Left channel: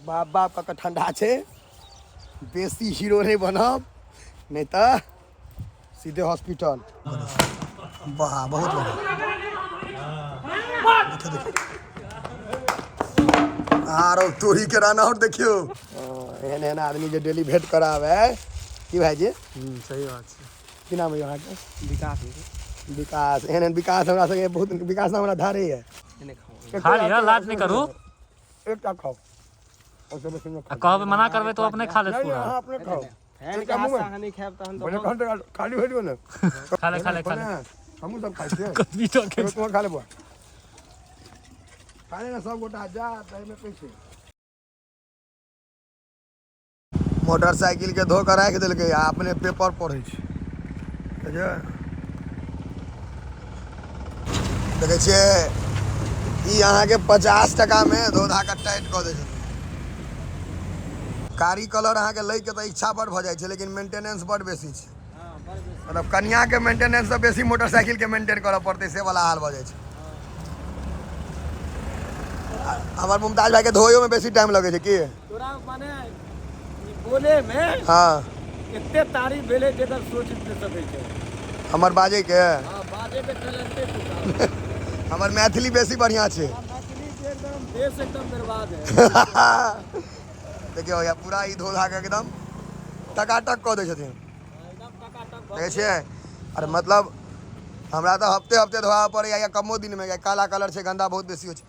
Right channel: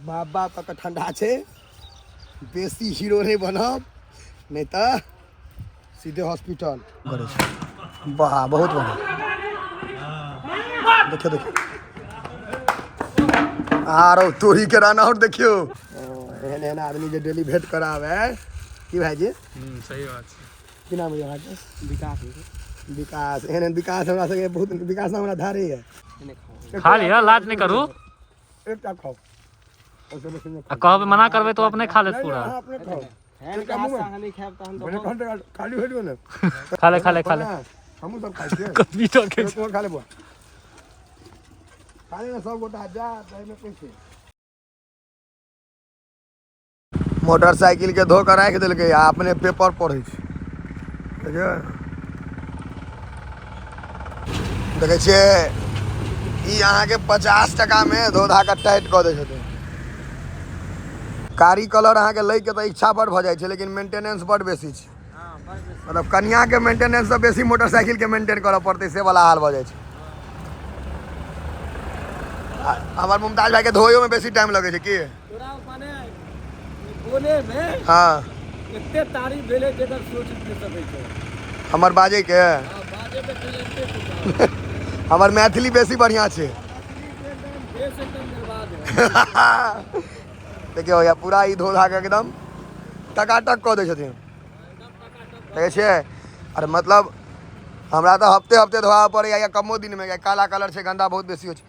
बाप बाप का ठंडा छे, बेसी हीरो नहीं बनब नहीं तो सीधे हॉस्पिटल। वाह बहुत बढ़िया, देखियो देखियो आरो तोरी के रन आउट देखियो। एहन एहन आदमी जे डेली भेंट करावे की भाई जी। सही बात है। की नाम है अहाँके? विकास। विकास। एहन विकास हमरा संगे बहुत विकास हमरा धारे है। खा लिया, लाज नहीं करू। एकटा खाओ कहबे मना करबे तो अपने खा ले पूरा। अपने खाओ खाली हो जो ना। खा ले खा ले खा ले। हमहू सब खाई छियै। कभी तो के तुम खा ले बुआ, खा ले ना सब गोटा जा में कैसे। मोटरसाइकिल के धो के राखि देलकै, अपने पेपर पढ़ै छै। देखै छियै ई अहाँके 50 टका में धोधा के टाइट कऽ दै छथिन। कारी कलर अहाँके लै के तऽ इच्छा बड़ भऽ जाइ छै, लेकिन मेंटेनेंस बड़ बेसी छै। मतलब कनिया के मेंटेनेंस से बेसी मोटरसाइकिल के मेंटेन करऽ पड़तै, से वाला हाल भऽ जाइ छै। हमर मुमताज भाई के धोयो में बेसी टाइम लगे छै की तोरा माने बोले में। हाँ एते तारीफ भेले जेकर सोच नहीं सकै छै। हमर बाजे के हां बाजे के टैलेंटेड हमर मैथिली बेसी बढ़िया छै। एकदम देश एकदम बर्बाद है। देखियो या पूरा ई धोधा के एकदम टकाटक कऽ दै छथिन, देखै छियै। अरे मतलब हमरा तो हफ्ते हफ्ते धोआ पड़े या कमो दिन में, काला कलर छै, गंदा बहुत बेसी हो छै।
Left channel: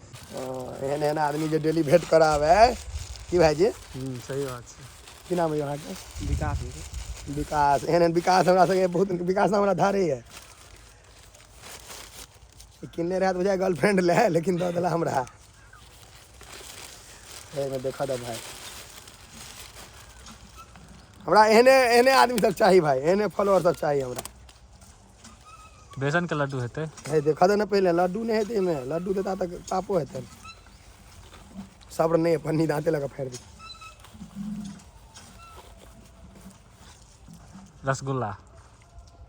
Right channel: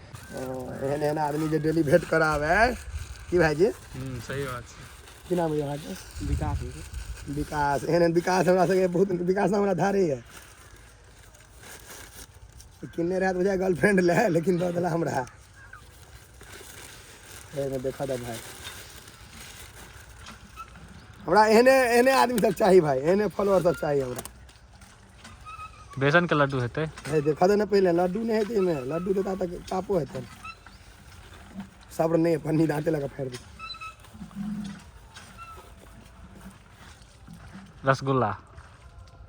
एहन एहन आदमी जे डेली भेंट करावे की भाई जी। सही बात है। की नाम है अहाँके? विकास। विकास। एहन एहन विकास हमरा संगे बहुत विकास हमरा धारे है। किन्ने रहत बुझाय गर्लफ्रेंड ले, लेकिन दऽ देला हमरा। एमे देखा दे भाई, हमरा एहने एहने आदमी सब चाहिए भाई, एहने फॉलोअर सब चाहिए हमरा। बेसन के लड्डू हेतै। है देखा दे ना पहले, लड्डू नहीं हेतै में, लड्डू देता तक पापो हेतै। सब्र नहीं, पन्नी दांते लगा फेर दी। रसगुल्ला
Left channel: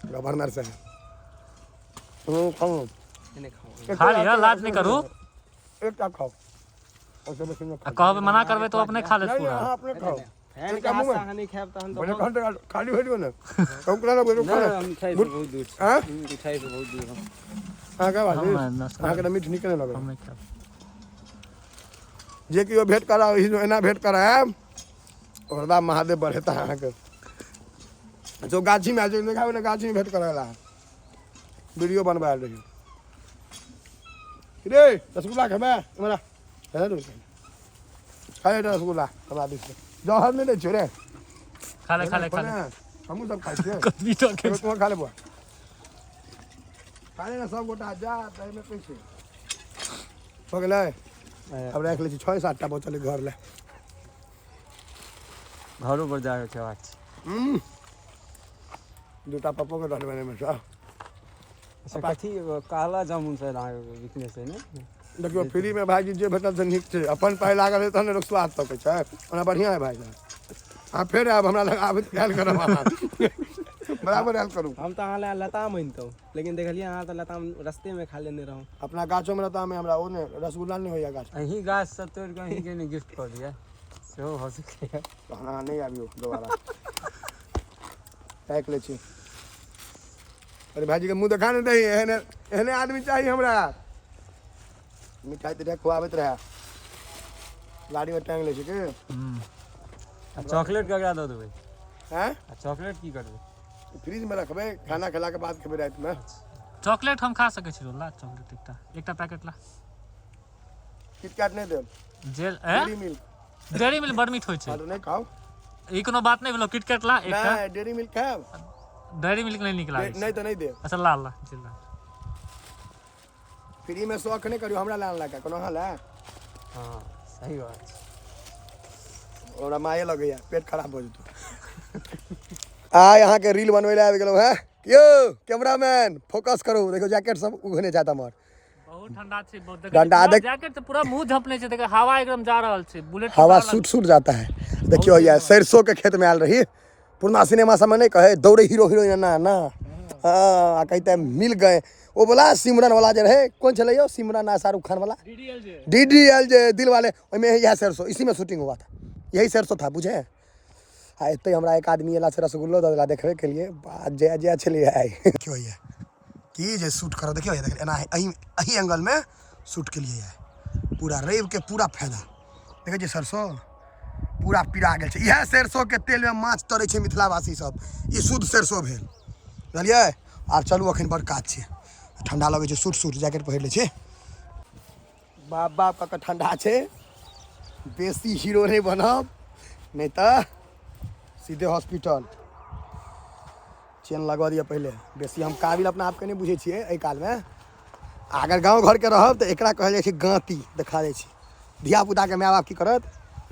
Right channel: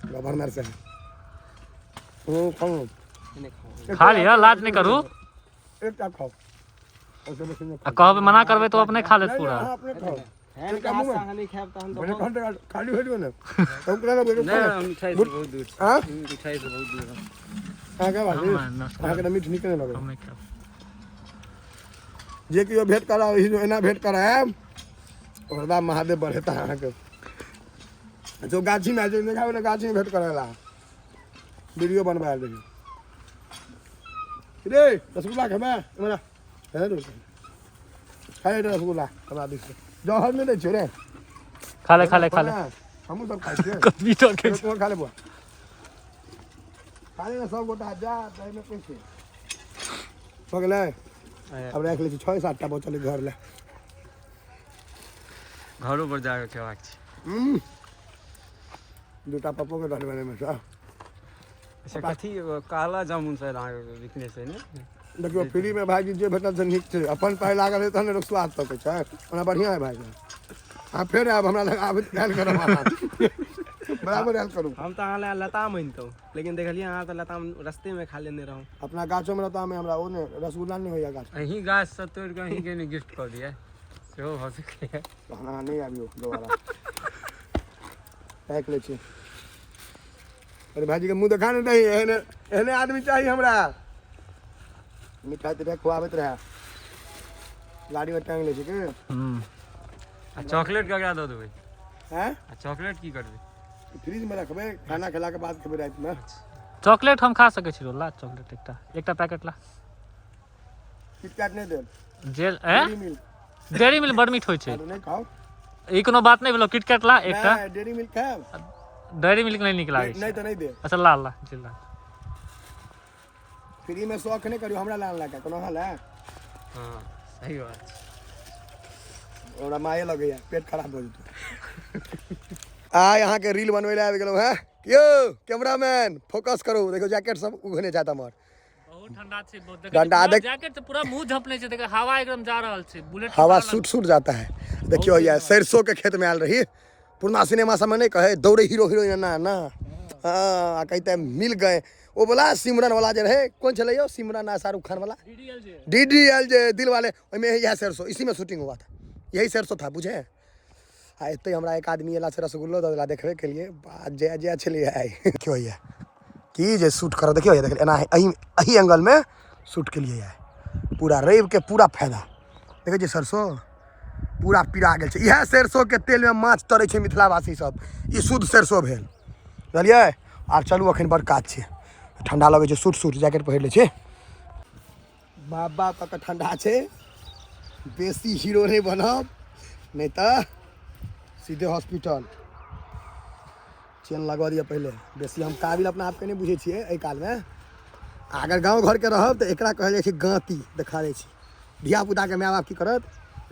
गवर्नर से खाओ खा लिया, लाज नहीं करू। एकटा खाओ उससे बस में कहबे मना करबे तो अपने खा ले पूरा। अपने खाओ फैन के हाथ से हानि खाब तहन बने घंटे खाली हो जो ना। ओकरा ना बोलो खाना बहुत दूर। हां मिठाई से बहुत दूर। हां का बात हां के मीठ निकले लगे। हम नहीं खाब। जे कियो भेंट कराओ एना भेंट कराए ओरदा महादेव बढ़ेता अहाँ के। जो गाछी में जो देखावे ना, गाछी में भेंट करेला वीडियो बनवा रही रे। रसगुल्ला खेबे हमरा है रे, खाए रसगुल्ला हमरा दिस जहर नहीं दे छै रे। खा ले खा ले खा ले। हमहू सब खाई छियै। कभी तो के तुम खा ले बुआ, खा ले ना सब गोटा जा तै में कैसे हो गेलै। अब रख ले छी 6-7 टा बोतल घर ले, घरों पर जाके खेबाक छै। दूटा पप्पो के दल बने में सब। कथी काला जामुन से वीकनेस है ने। देखियो फ्री में भाईजी जे भेटल से नीक छै, अपन पाइ लागल है तहन लोक स्वाद तकै छै। ओना बढ़िया है भाई। आ फेर आब हमरा लग आब आयल करब अहाँ बराबर आयल करू। हम तो अहाँ लताम मानतौ, लेकिन देखलिए अहाँ तो लताम रस्ते में खा लेने रहूं। अपना गाछो में लताम है हमरा, ओने रसगुल्ला नहीं होइया गाछ। अही गाछ से तोड़ के अही के ने गिफ्ट कर दिया सेहो हो सके है। तो अहाँ नहीं आबियो दोबारा पैक ले छी। अरे भाईजी के मुंह देखा नहीं दही, एहने एहने आदमी चाहिए हमरा। मिठाई तो खुआबत रहे, गाड़ी में टांग ले छी के। चॉकलेट का क्या दो देबै हैं? चॉकलेट की करबे? फ्रिज में रखबे, खाना खिला के बाद खेबे रात में। चॉकलेट हम खा सके छी। ला चॉकलेट एकटा पैकेट ला। किटकैट नहीं दे, जेल डेरी मिल्क। डेयरी मिल्क बड़ मीठ होय छै। नहीं खाओ, ई कोनो बात नहीं भेलो। किटकैट ला एकटा। नहीं डेरी मिल्क खाओ। डेयरी मिल्क नहीं निकला नहीं तो नहीं दे। अच्छा ला ला जेल ला। फ्री में शौक नहीं करियो, हमरा लान लगा कोनो हाल है। हां सही बात छै। ओरा माये लगैया, पेट खराब हो जतो। आ यहाँ के रील बनवे ले आबि गेलो है। यो कैमरामैन फोकस करो, देखो जैकेट सब उघने जाता मर। बहुत ठंडा छै, बहुत ठंडा देख, जैकेट से पूरा मुंह झपले छै। देखो हवा एकदम जा रहल छै, बुलेट हवा सूट जाता है। देखियो ये सरसों के खेत में आयल रही, पुरना सिनेमा सब में नहीं कहे दौड़े हीरो हीरोइन ना ना। हाँ कहते मिल गए, वो बोला सिमरन वाला जे रहे कौन चले यो सिमरन आ शाहरुख खान वाला DDL जे दिल वाले में यह सरसों इसी में शूटिंग हुआ था, यही सरसों था बुझे। हाँ इतने हमरा एक आदमी एला से रसगुल्लो दला देखने के लिए बात जय जय चले आए क्यों है कि जे शूट करो देखियो ये देख एना अही एंगल में शूट के लिए है पूरा रवि के पूरा फायदा देखिए जे सरसों पूरा पिरा गेल छै। इएह सरसों के तेल में माछ तरै छै मिथिलावासी सब, ई शुद्ध सरसों भेल बुझलियै। आब चलू अखन बड़ काज छै, ठंडा लगे छै, सूट जैकेट पहिर ले छै। बाप बाप का ठंडा छै, बेसी हीरो नहीं बनब नहीं तो सीधे हॉस्पिटल। चेन लगवा दिया पहले, बेसी हम काबिल अपना आप के नहीं बुझे छिए। एहि काल में अगर गाँव घर के रहब तो एकरा कहल जाइ छै गाँती देखा दै छै। धियापुता के माय बाप की करत,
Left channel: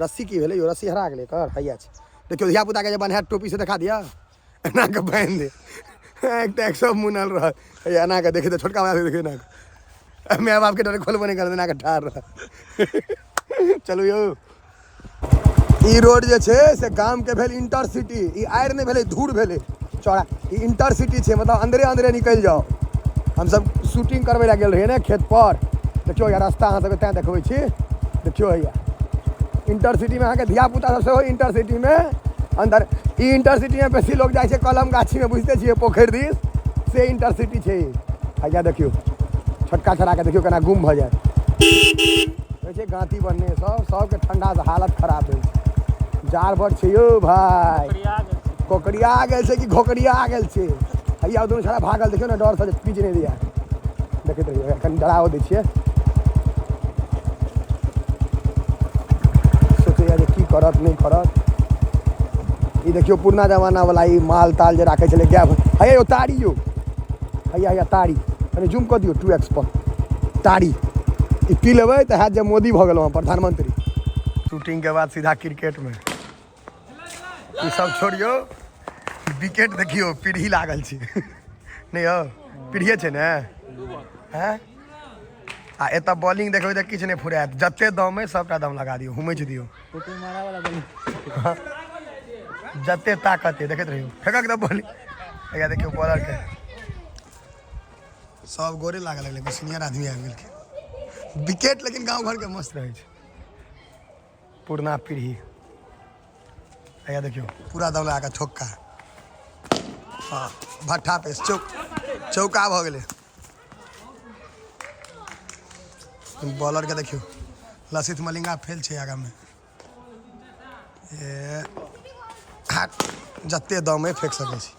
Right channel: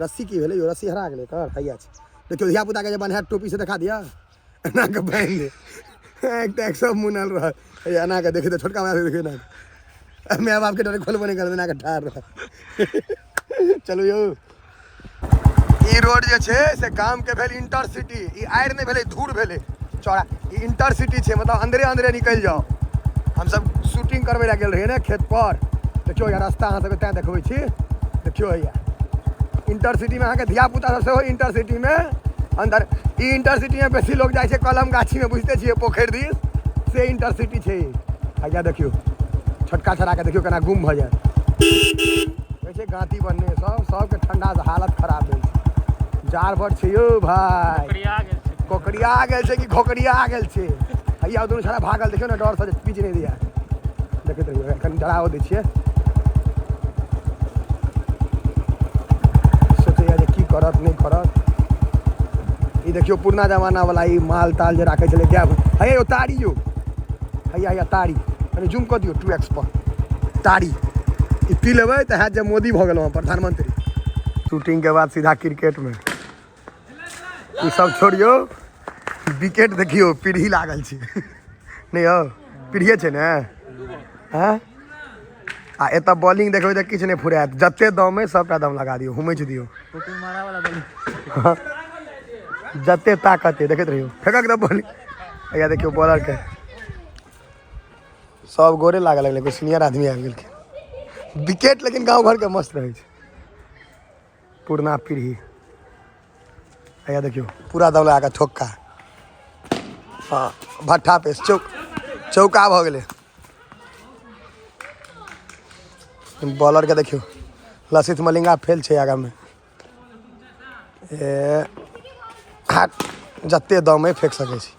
रस्सी की भेलै यो, रस्सी हरा गेलै कर हैया छै देखियो। धियापुता के जे बन्हाइत टोपी से देखा दिया, एना के बान्हि दे, एक टैक सब मुनल रह एना के देखे तो छोटका माय देखे ना माय बाप के डरे खोलबो नहीं कर देना के ठार रह चलू यो। ई रोड जे छै से गाम के भेल इंटरसिटी, ई आयर नहीं भेलै धूर भेलै चौड़ा, ई इंटरसिटी छै मतलब अंदरे अंदरे निकल जाओ। हम सब शूटिंग करबे ला गेल रहिए ने खेत पर, देखियो यार रास्ता अहाँ सब तैं देखबै छी देखियो हैया इंटरसिटी में अहाँ के धियापुता सब सेहो इंटरसिटी में अंदर। ई इंटरसिटी में बेसी लोग जाइ छै कलम गाछी में बुझते छियै पोखरि दिस, से इंटरसिटी छै। हैया देखियो छोटका छड़ा के देखियो केना गुम भ जाए छै गाँती बनने सबके ठंडा से हालत खराब भेल छै। जार भर छै यौ भाई, कोकरिया गेल छै कि घोकरिया गेल छै। हैया दुनू छड़ा भागल देखियो ना डर से पीछ नहीं दिया, देखैत रहियो एखन डराओ दै छियै की करत नहीं करत। ई देखियो पुरना जमाना वाला ई माल ताल जे राखे छले गाय हे यो ताड़ी यो, हैया ताड़ी अरे जूम कर दियो 2x पर ताड़ी ई पी लेबै तऽ हैत जे मोदी भऽ गेलहुँ प्रधानमंत्री। शूटिंग के बाद सीधा क्रिकेट में ई सब छोड़ियो, विकेट देखियो पीढ़ी लागल छै नहीं हो पीढ़िए छै ने हैं। आ एतऽ बॉलिंग देखबै तऽ किछु नहीं फुरायत, जते दम है सबटा दम लगा दियो, हुमैच दियो जते ताकत है देखैत रहियो फेंकक दे बॉलिंग। हैया देखियो बॉलर के सब गोरे लागल लगले, कोई सीनियर आदमी आबि गेलखिन। विकेट लेकिन गाँव घर के मस्त रहे छै पुरना पीढ़ी। हैया देखियो पूरा दम लगा के ठोक्का, हाँ भट्ठा पे चौका भ गेलै। बॉलर के देखियो लसित मलिंगा फेल छै आगा में, जते दम है फेंक सके छी।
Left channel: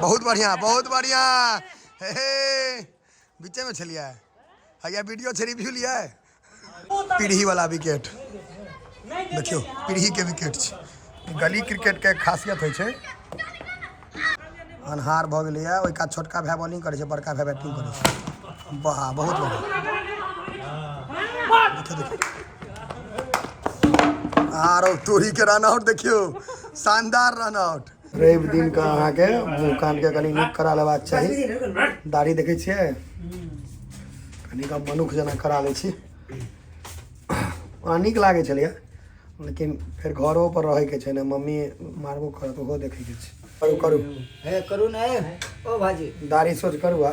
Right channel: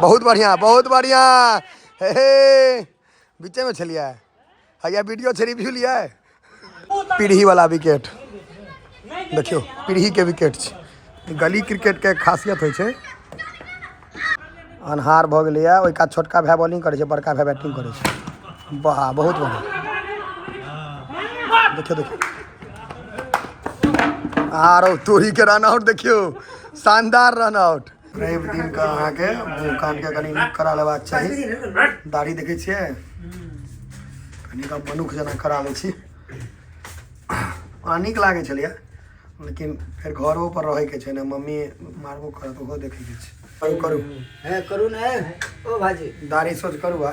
बहुत बढ़िया हे बीचे में छलिए हैया वीडियो छै रिव्यू लिया पीढ़ी वाला विकेट देखियो, पीढ़ी के विकेट छै। गली क्रिकेट के खासियत होइ छै अन्हार भ गेलै है, ओइ का छोटका भाई बॉलिंग करे छै, बड़का भाई बैटिंग करे छै। वाह बहुत बढ़िया देखियो आरो टोरी के रन आउट देखियो, शानदार रन आउट। रवि दिन का अहाँ के मुँह कान के कनी नीक करा लेबाक चाही, दाढ़ी देखे छियै कनी का मनुख जना करा लै छी। नीक लागे छलिए लेकिन फिर घरों पर रहे के छै ने, मम्मी मारबो करत ओहो देखे के छै। करू ने ओ भाजी दाढ़ी सोच करू आ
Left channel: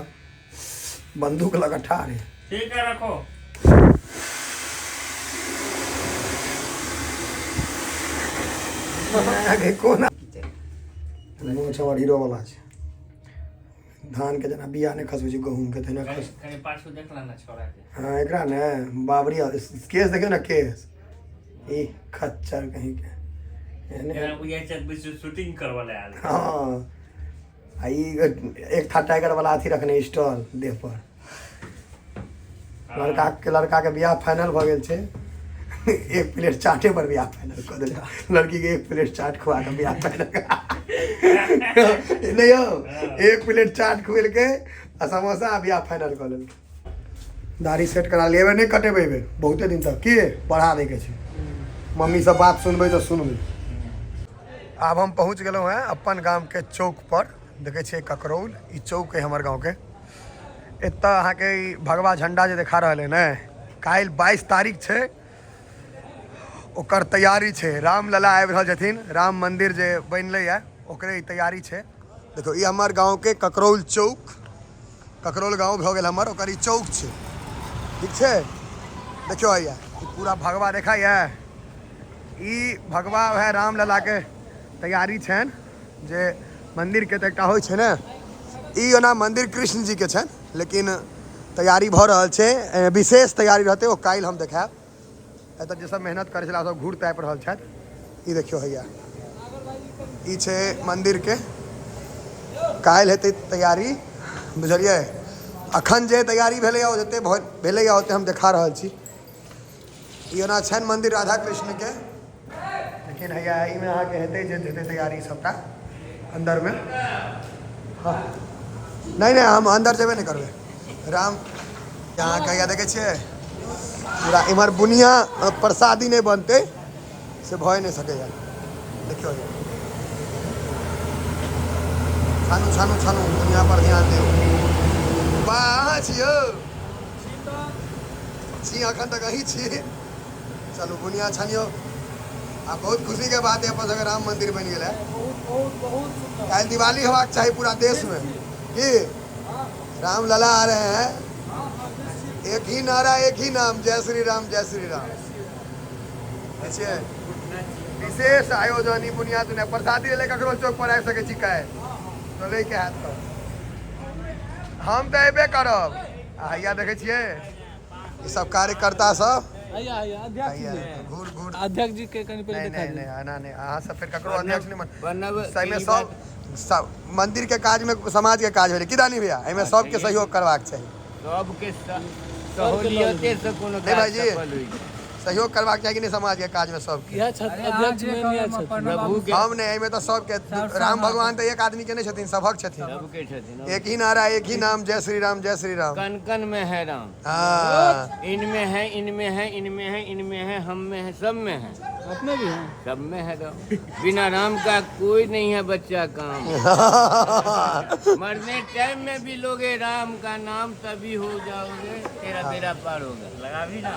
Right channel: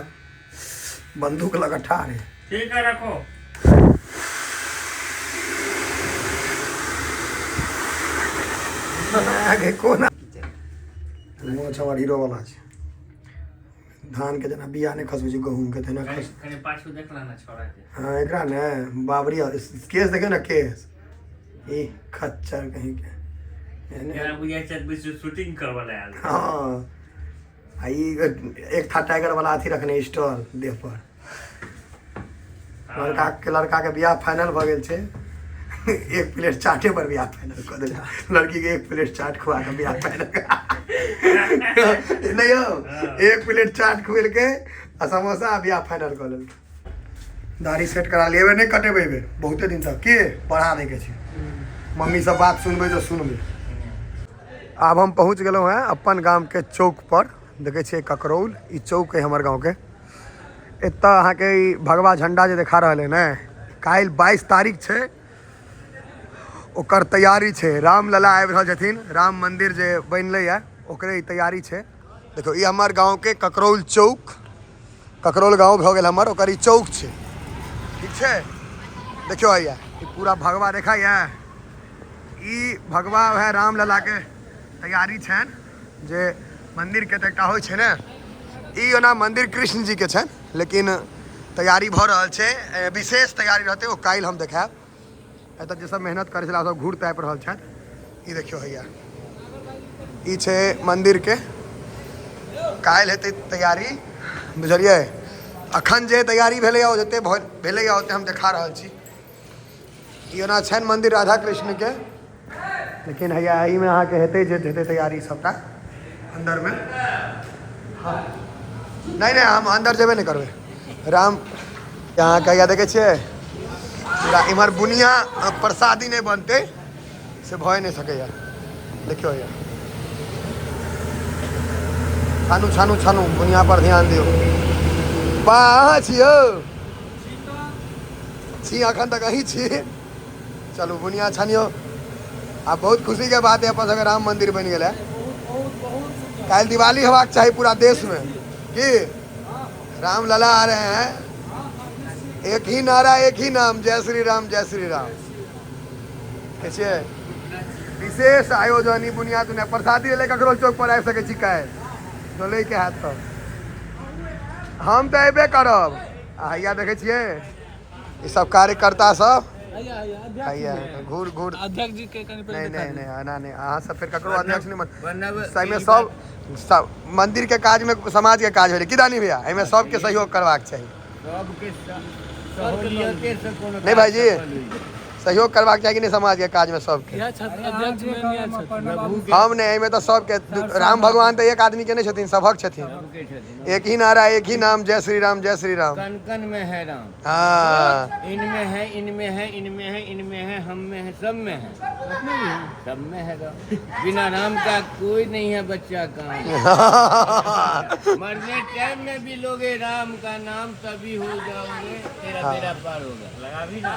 बंदूक लगा ठाड़ है ठीक है रखो। आगे कोना मोछ हमर हीरो वाला छै, धान के जना बिया ने खसबै छै गहूम के तेना खस कने पाछू देखला ना छोरा के। हां एकरा ने बाबरी केस देखे ना केस ई खच्चर कहीं के यानी बुझाय छै शूटिंग करवाला आयल। हां आई एक था टाइगर वाला अथी रखने स्टॉल देह पर, लड़का के बियाह फाइनल भ गेल छै, एक प्लेट चाटे पर बियाह फाइनल कर दे, लड़की के एक प्लेट चाट खुआ के बियाह फाइनल नहीं हो एक प्लेट चाट खुएल के आ समोसा बियाह फाइनल कर लेल। दाढ़ी सेट करा लेबे नहीं कटेबे बहुते दिन तक के बढ़ा दे के छै, मम्मी सब बात सुनबे तो सुनबे। आब हम पहुँच गेलहुँ हैं अपन गाम के चौक पर, देखे छियै ककरौल ई चौक है हमर गाँव के। एतऽ अहाँ के भगवा झंडा जे देखा रहा है ने, काल्हि 22 तारीख छै, ओकर तैयारी छै। रामलला आबि रहल छथिन, राम मंदिर जे बनलै है ओकरे तैयारी छै। देखो ये हमार गांव के ककरौल चौक ककरोल गाँव भऽ गेल हमर, ओकर ई चौक छै, ठीक छै। देखियो हैया ई पूरा भगवा देखा है, ई भगवा वह रामलला के तैयारी छनि जे मंदिर के तो एकटा होइ छै ने, ई ओना मंदिर कृष्ण जी के छनि, लेकिन तैयारी भऽ रहल छै, विशेष तैयारी रहते ओ काल्हि हम देखायब। एतऽ जे सब मेहनत करै छला सब घूर तापि रहल छथि। ई देखियो हैया ई छै मंदिर के, काल्हि हेतै तैयारी, बुझलियै। अखन जे तैयारी भेलैए ओ जते भेलैए ओते हम देखा रहल छी। ई ओना छनि मंदिर राधा कृष्ण के, लेकिन हैया एहिमे अहाँके हेतै जे हेतै तैयारी सबटा अंदर में। हाँ नहीं नहीं हम अंदर जेबे नहीं करबे। राम यहाँ कहिया देखे छियै पूरा इम्हर बुनिया प्रसादी नहीं बनते से भय नहीं सकैया। देखियो ये छानू छानू छानू बुनिया पर ध्यान दियो। बा अहाँ छियौ छी, अखन तक अहीं छी। चलू बुनिया छानियो। आ बहुत खुशी के बात है अपन सबके राम मंदिर बन गया है। कल दिवाली होबाक चाहिए पूरा देश में कि राम लला आ रहे हैं, एक ही नारा एक ही नाम, जय श्री राम जय श्री राम। कैसे विशेष आयोजन ई बुनियाद ने प्रसादी ले ककरो चौक पर आबि सकै छी काल्हि तो ले के हाथ तो हम तो अबे करब। हैया देखे छियै ई सब कार्यकर्ता सब हैया घूर घूर अध्यक्ष जी के नहीं नहीं नहीं आना नहीं, अहाँ सब फिर ककरो अध्यक्ष नहीं सही में सब मंदिर के काज में समाज के काज हो रही किदानी भैया, एहिमे सबके सहयोग करवाक चाहिए। नहीं भाई जी सहयोग करवाक चाहिए कि नहीं समाज के काज में सबके। हम नहीं एहिमे तो सबके, राम भगवान तो एक आदमी के नहीं छथिन, सबक छथिन। एक ही नारा एक ही नाम, जय श्री राम जय श्री राम। कन कन में है राम, हाँ इनमें है इनमें है इनमें है इनमें है, हम में है, सब में है, अपने भी है, सब में है राम। बिना राम का कोई नहीं है बच्चा काम। मरने टाइम में भी लोगे राम का नाम, तभी हो जाओगे, तेरा तेरा पार होगा। लगा भी ना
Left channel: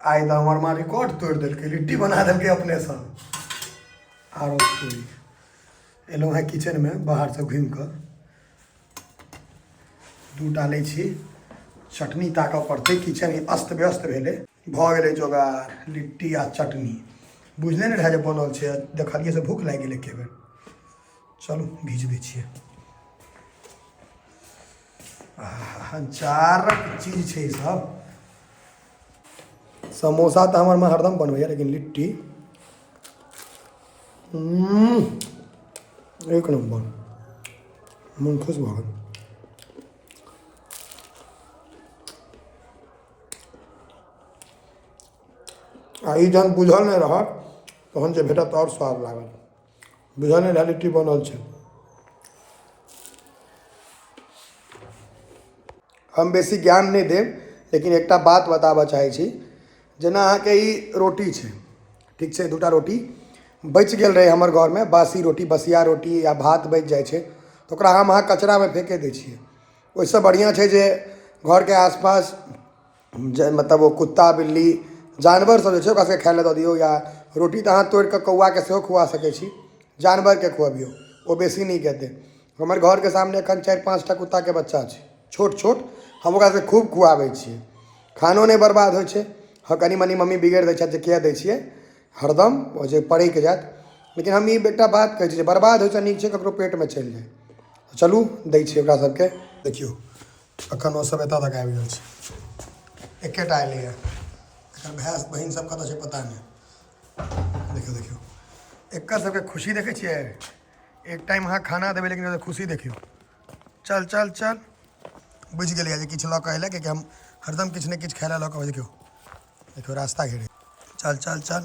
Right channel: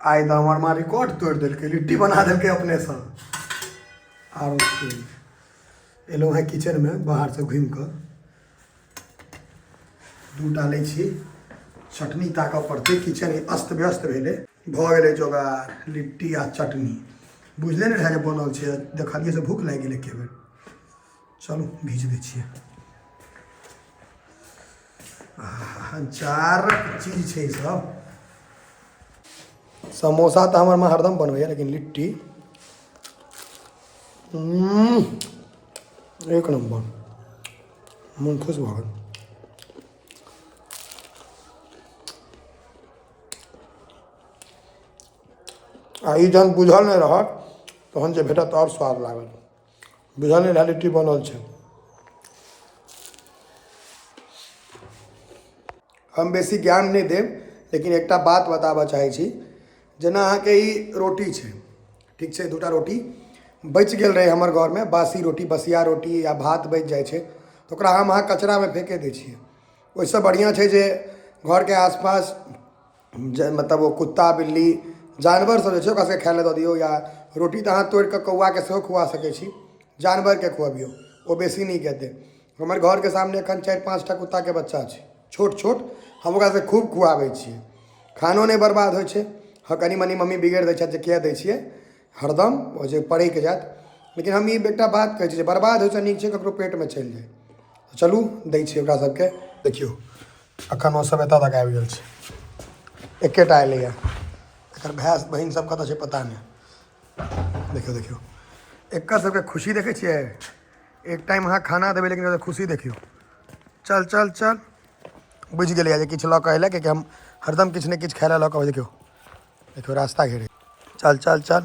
आई तो हमार माँ रिकॉर्ड तोड़ दिल्के, लिट्टी बना दिल्के अपने सब। आरो एलो है किचन में बाहर से घूम कर, दूध डाले छी, चटनी ताकऽ पड़ते, किचन अस्त व्यस्त भेले भ गेले जोगार। लिट्टी आ चटनी बुझले नहीं रहे जे बनल छै, देखलिए से भूख लागि गेल एके बेर। चलू भीज दै छियै। चारक चीज छै ई सब। समोसा तो हमारे माँ हरदम बनबैया, लेकिन लिट्टी एक नंबर, मन खुश भऽ गेल। आ ई जहन बुझल नहीं रहत तहन जे भेटत और स्वाद लागत। बुझल नहीं रहे लिट्टी बनल छै। हम बेसी ज्ञान नहीं देब, लेकिन एकटा बात बताबऽ चाहै छी। जेना अहाँके ई रोटी छै, ठीक छै, दूटा रोटी बचि गेल रहै हमर घरमे, बासी रोटी, बसिया रोटी या भात बचि जाइ छै तऽ ओकरा हम अहाँ कचरामे फेंके दै छियै। ओहिसँ बढ़िआँ छै जे घरके आसपास मतलब ओ कुत्ता बिल्ली जानवर सब जे छै ओकरा सबके खाय लए दऽ दियौ, या रोटी तऽ अहाँ तोड़ि कऽ कौआके सेहो खुआ सकै छी, जानवरके खुअबियौ, ओ बेसी नीक हेतै। हमर घरके सामने एखन 4-5 टा कुत्ताके बच्चा छै, छोट छोट, हम ओकरा सबके खूब खुआबै छियै। खानो नहीं बर्बाद होइ छै। हाँ कनी मनी मम्मी बिगड़ि दै छथि जे किया दै छियै हरदम ओ जे पड़ैके जायत, लेकिन हम ई एकटा बात कहै छी जे बर्बाद होइसँ नीक छै ककरो पेटमे चलि जाय। चलू दै छियै ओकरा सबके। देखियौ अखन ओ सब एतऽ तक आबि गेल छै, एकेटा एलैया, एकर भाय बहिन सब कतऽ छै पता नहीं। देखियौ देखियौ एकर सबके खुशी देखै छियै। एक टाइम अहाँ खाना देबै लेकिन ओकर खुशी देखियौ। चल चल चल बुझि गेलियै जे किछु लऽ कऽ अयलै, किएकि हम हरदम किछु ने किछु खाय लए लऽ कऽ। देखियौ देखियौ रास्ता घेरे, चल चल चल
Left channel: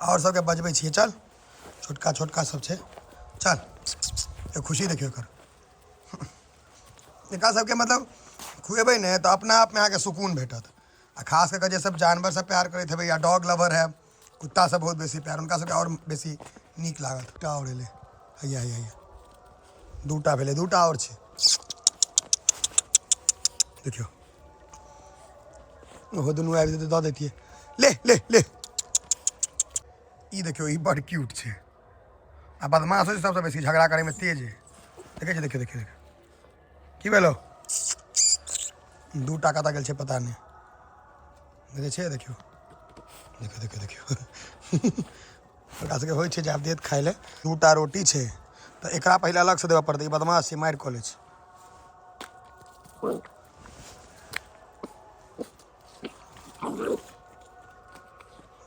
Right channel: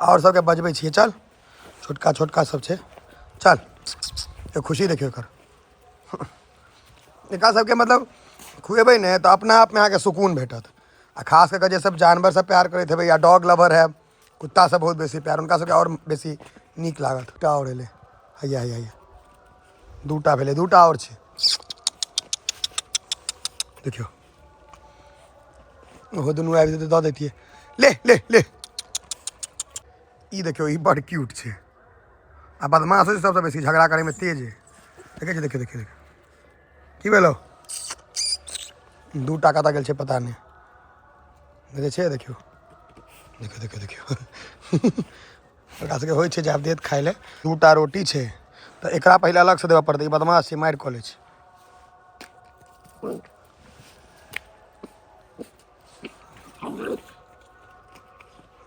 और सबके बजबै छियै, चल छोटका छोटका सब छै, चल ये खुशी देखियौ एकर। एकरा सबके मतलब खुएबै ने तऽ अपना आपमे अहाँके सुकून भेटत। आ खास कऽ जे सब जानवर से प्यार करैत हेबै या डॉग लवर है, कुत्ता से बहुत बेसी प्यार, उनका सबके और बेसी नीक लागत। टा और एलै, हैया हैया हैया दूटा भेलै, दूटा और छै। देखियौ ओहो दुनू आबि जेतै दऽ दैतियै। ले ले ले ई देखियौ ई बड़ क्यूट छै आ बदमाश होइ छै, सबसँ बेसी झगड़ा करैमे तेज है। देखै छियै देखियौ देखियौ देखियौ की भेलो 2 टाका तक गेल छै पता नहीं देखे छै देखियो देखियो देखियो देखियो ओकरा सबके होइ छै जे आब देत खाइ ले 2टा रोटी छै तऽ एकरा पहिले अलग से देबऽ पड़तै ई बदमाश छै मारि कऽ लै छै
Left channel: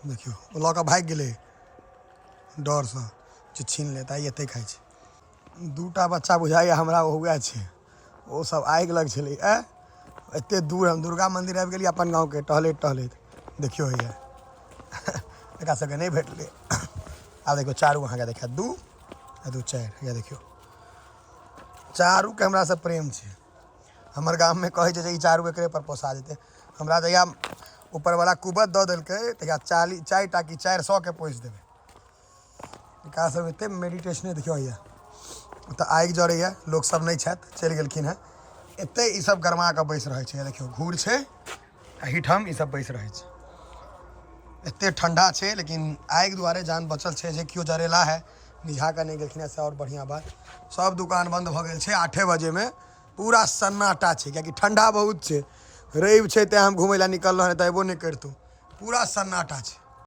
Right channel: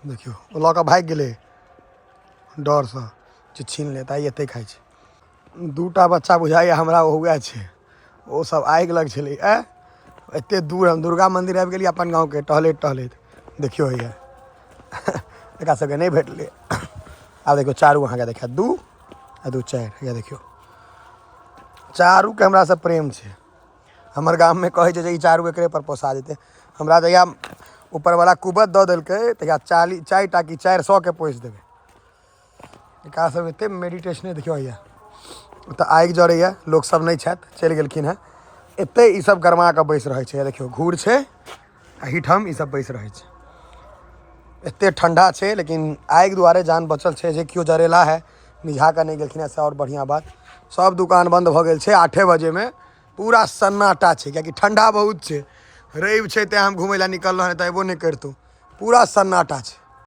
देखियो ओ लऽ कऽ भागि गेलै डरसँ जे छीन लेत आइ एते खाइ छै 2टा बच्चा बुझाइए हमरा हुए छै ओ सब आगि लग छलै एते दूर हम दुर्गा मंदिर आबि गेलियै अपन गाँवके टहलैत टहलैत देखियो हैया एकरा सबके नहीं भेटलै आब देखियो चारू अहाँके देखा 2 आ 2 4 हैया देखियो चारू के हमरा से प्रेम छै हमर गाम में कहै छै जे ई चारू एकरे पर पोसा जेतै हमरा जहिया ऊपरवला कुबत दऽ देलकै तहिया 4टा कि 400 के पोसि देबै एकरा सब एते मेडिटेशने देखियो हैया तऽ आगि जड़ैए लोक सब नहीं छथि चलि गेलखिन हेँ एते ई सब गरमा कऽ बैस रहै छै देखियो घूर छै आ हिठम ई सब बैस रहै छै एते ठंडा छै लेकिन आगि दुआरे जान बचल छै जे केओ जरेला है निझा कऽ नहीं गेलखिन ऐसा और बढ़िया बात सब दुकान बंद भऽ गेल छै 8 बजे में पूरा सन्नाटा छै कियाकि ठंडा बहुत छै रवि छै तेँ हम घुमै लए निकललहुँ हँ तऽ अयबो नहीं करितहुँ पूरा सन्नाटा छै